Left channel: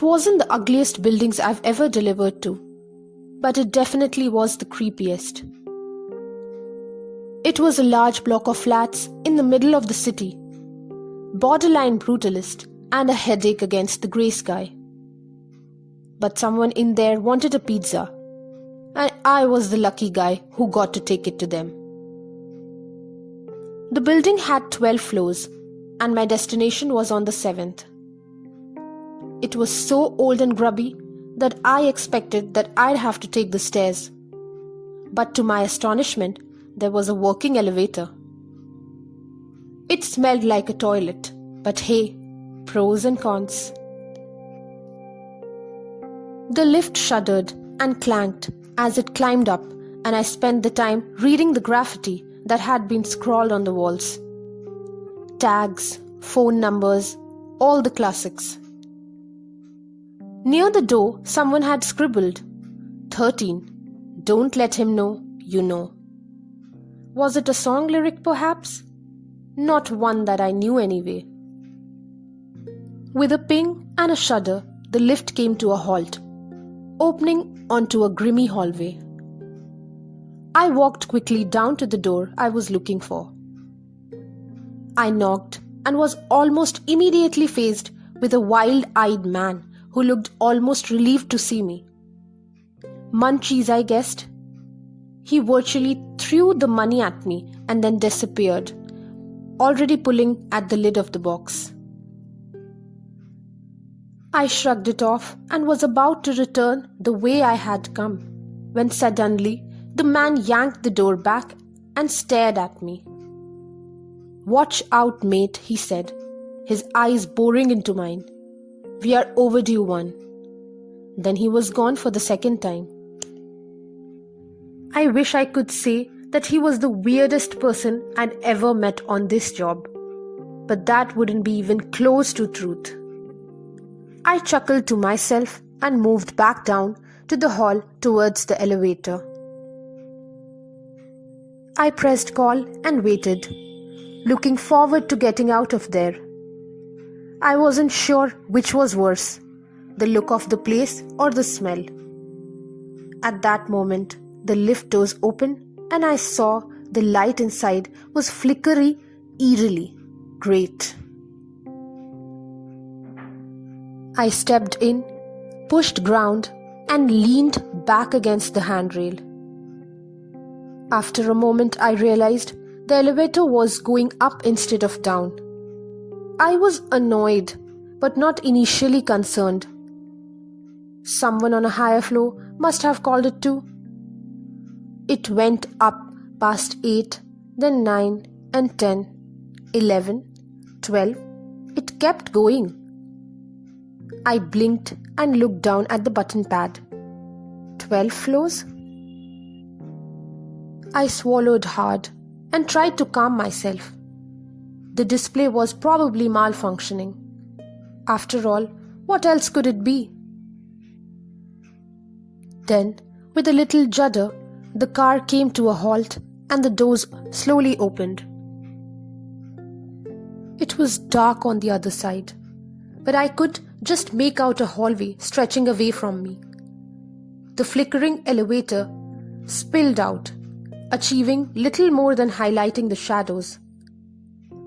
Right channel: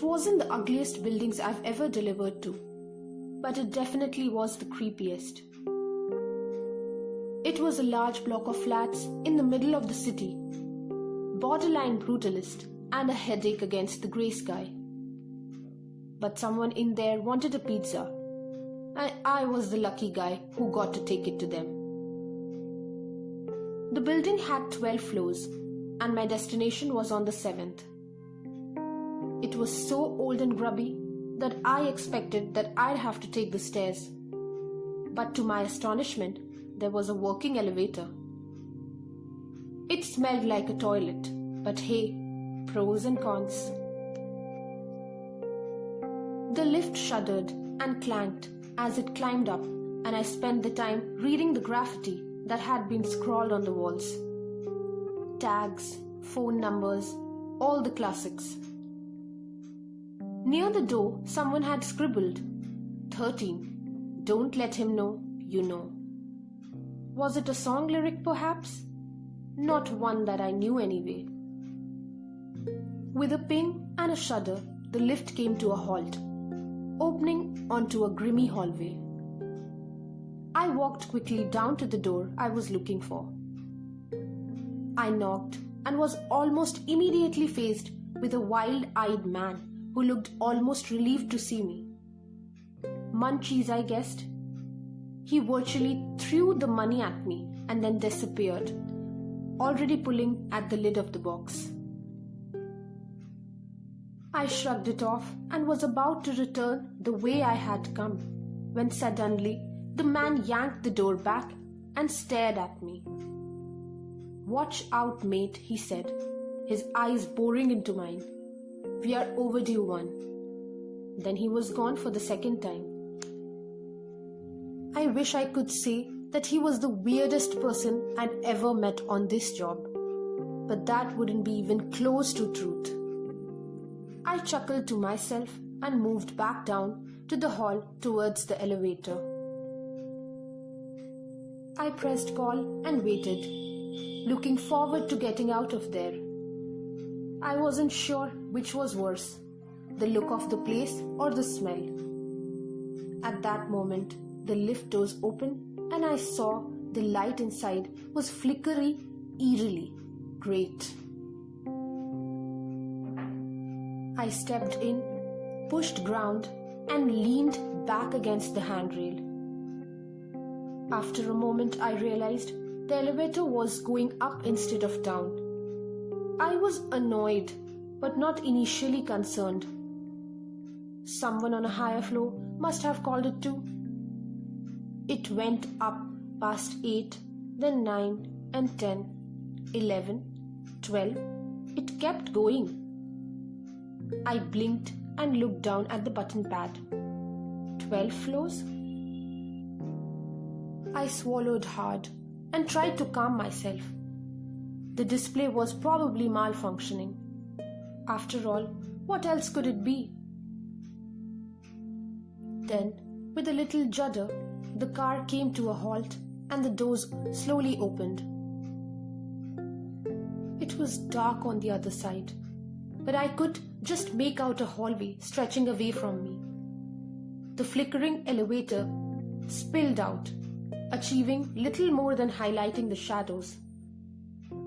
It wasn't the ugliest buildings I've ever delivered to, but it definitely was the creepiest. It was a large block of flats in the middle of the city, borderline brutalist and a headache against the grey sky. But someone in there wanted a pizza, and I was the lucky guy who got to take it to them. The building had 12 floors, and my destination was on the 7th. It was so old and grubby that I expected that I'd have to take the stairs. But to my astonishment, there was a working elevator. It smelled like a toilet, but hey, pros and cons. The lift shuddered and clanked as it climbed up, and I spent the time reading the graffiti that had been scrawled on the walls. Tags, phone numbers, all the classics. Near the door, someone had scribbled, 13. Don't let him know you know. Was it a song lyric perhaps? Not one that I knew anyway. With a ping and a shudder, the lift came to a halt, opening onto a grimy hallway. I walked quickly down to the door I was looking for. I knocked and was almost immediately faced with a wild-eyed man who looked almost relieved to see me. Munchies, I guessed. He virtually threw the money at me and then disappeared, already pulling at the lid of the box. I shrugged it off and was about to return the way I had come, when suddenly the man yanked the door back and stared at me. "Watch out, mate," he said, his eyes boring into mine. "We are overdue one." Then he was gone for the second time. I wish I could say that he was the weirdest person I'd ever met on this job, but that wouldn't be even close to truth. I chuckled to myself and moved back down to the hall towards the elevator. I pressed call and waited, looking forward to getting out of there. I wasn't sure which was worse, the look of the place or the smell. At that moment, the lift doors opened and I saw the light inside was flickery, eerily great. I stepped in, pushed ground, and leaned back against the handrail. After a moment, I realized the elevator was going up instead of down. I was annoyed, but not initially concerned. Someone on a higher floor must have called it too. It went up past 8, then 9 and 10, 11, 12. It kept going. I blinked and looked down at the button pad. 12 floors? I swallowed hard and tried to calm myself. The display was probably malfunctioning. After all, what else could it be? Then, with a little judder, the car came to a halt and the doors slowly opened. It was dark on the other side, but I could just make out a hallway stretching away from me. The flickering elevator spilled out, achieving little more than highlighting the shadows.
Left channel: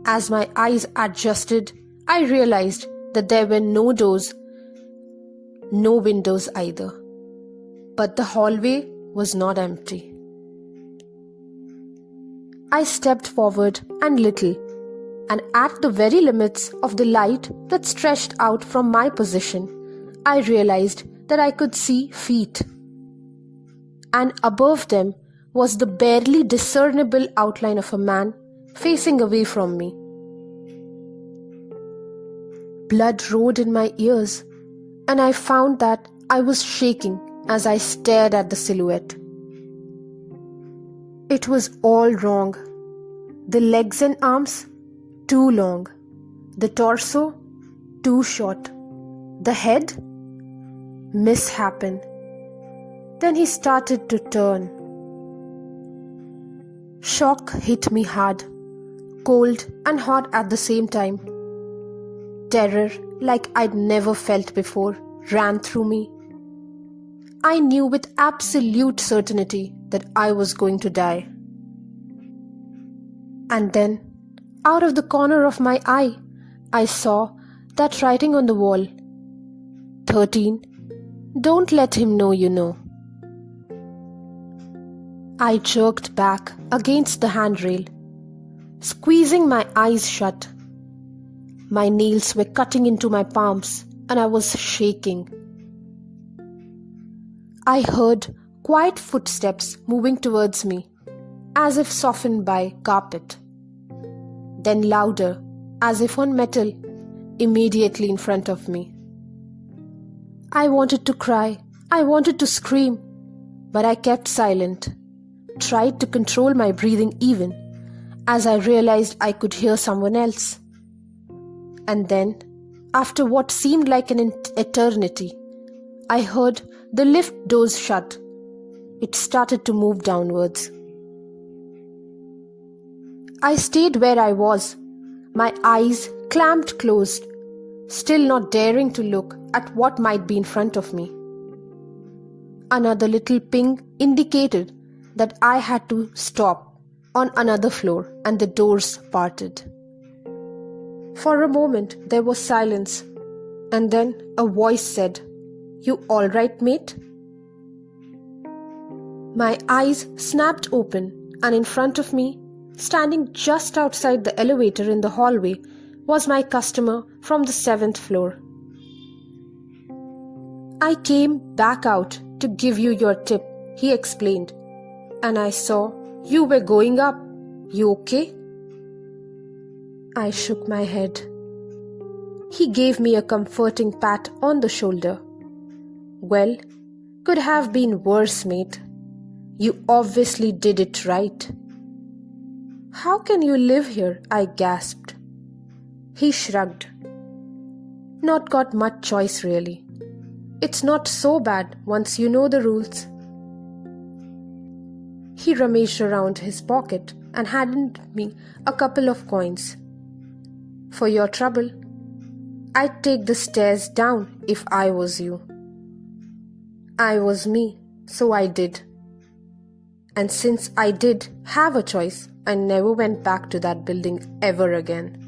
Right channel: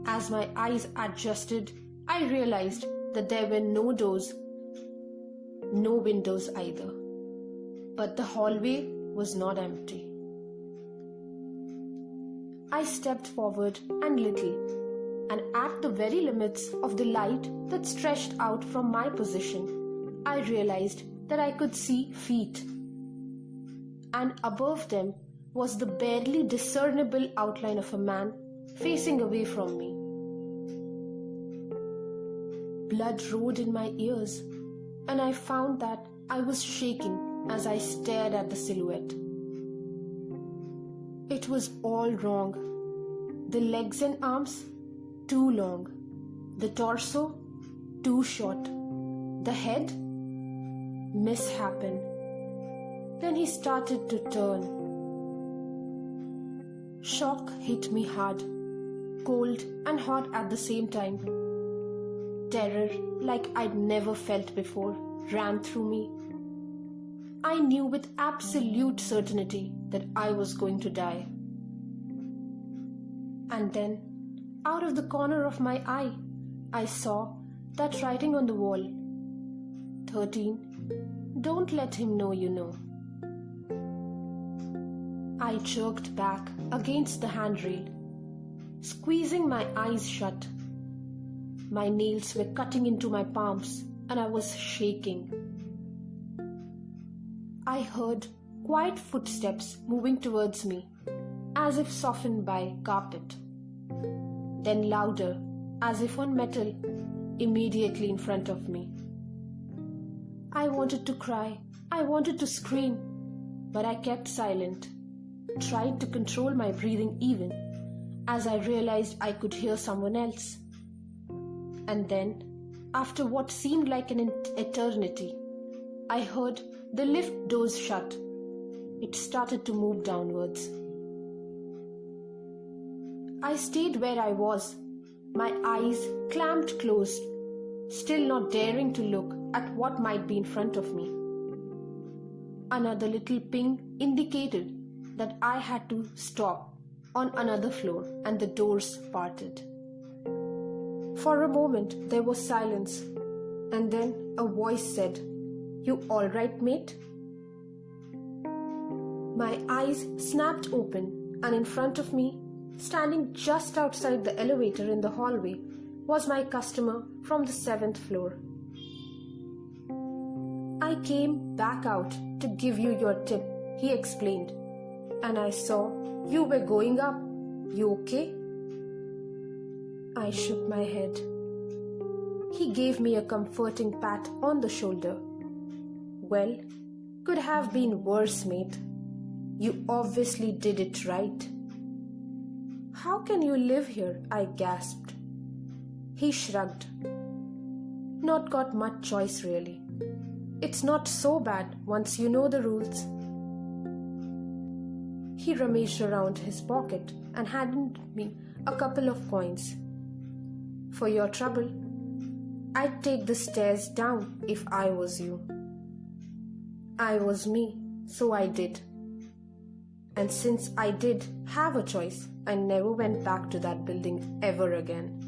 As my eyes adjusted, I realized that there were no doors, no windows either. But the hallway was not empty. I stepped forward and little, and at the very limits of the light that stretched out from my position, I realized that I could see feet. And above them was the barely discernible outline of a man facing away from me. Blood roared in my ears, and I found that I was shaking as I stared at the silhouette. It was all wrong. The legs and arms, too long. The torso, too short. The head, mishappen. Then he started to turn. Shock hit me hard, cold and hot at the same time. Terror like I'd never felt before ran through me. I knew with absolute certainty that I was going to die. And then, out of the corner of my eye, I saw that writing on the wall, 13, don't let him know you know. I jerked back against the handrail, squeezing my eyes shut. My nails were cutting into my palms and I was shaking. I heard quiet footsteps moving towards me, as if softened by carpet. Then louder, as if on metal, immediately in front of me. I wanted to cry, I wanted to scream, but I kept silent, tried to control my breathing even, as I realized I could hear someone else. And then, after what seemed like an eternity, I heard the lift doors shut. It started to move downwards. I stayed where I was, my eyes clamped closed, still not daring to look at what might be in front of me. Another little ping indicated that I had to stop on another floor and the doors parted. For a moment there was silence, and then a voice said, "You all right, mate?" My eyes snapped open, and in front of me, standing just outside the elevator in the hallway, was my customer from the 7th floor. "I came back out to give you your tip," he explained, "and I saw you were going up. You okay?" I shook my head. He gave me a comforting pat on the shoulder. "Well, could have been worse, mate. You obviously did it right." "How can you live here?" I gasped. He shrugged. "Not got much choice, really. It's not so bad once you know the rules." He rummaged around his pocket and handed me a couple of coins. "For your trouble, I'd take the stairs down if I was you." I was me, so I did. And since I did have a choice, I never went back to that building ever again.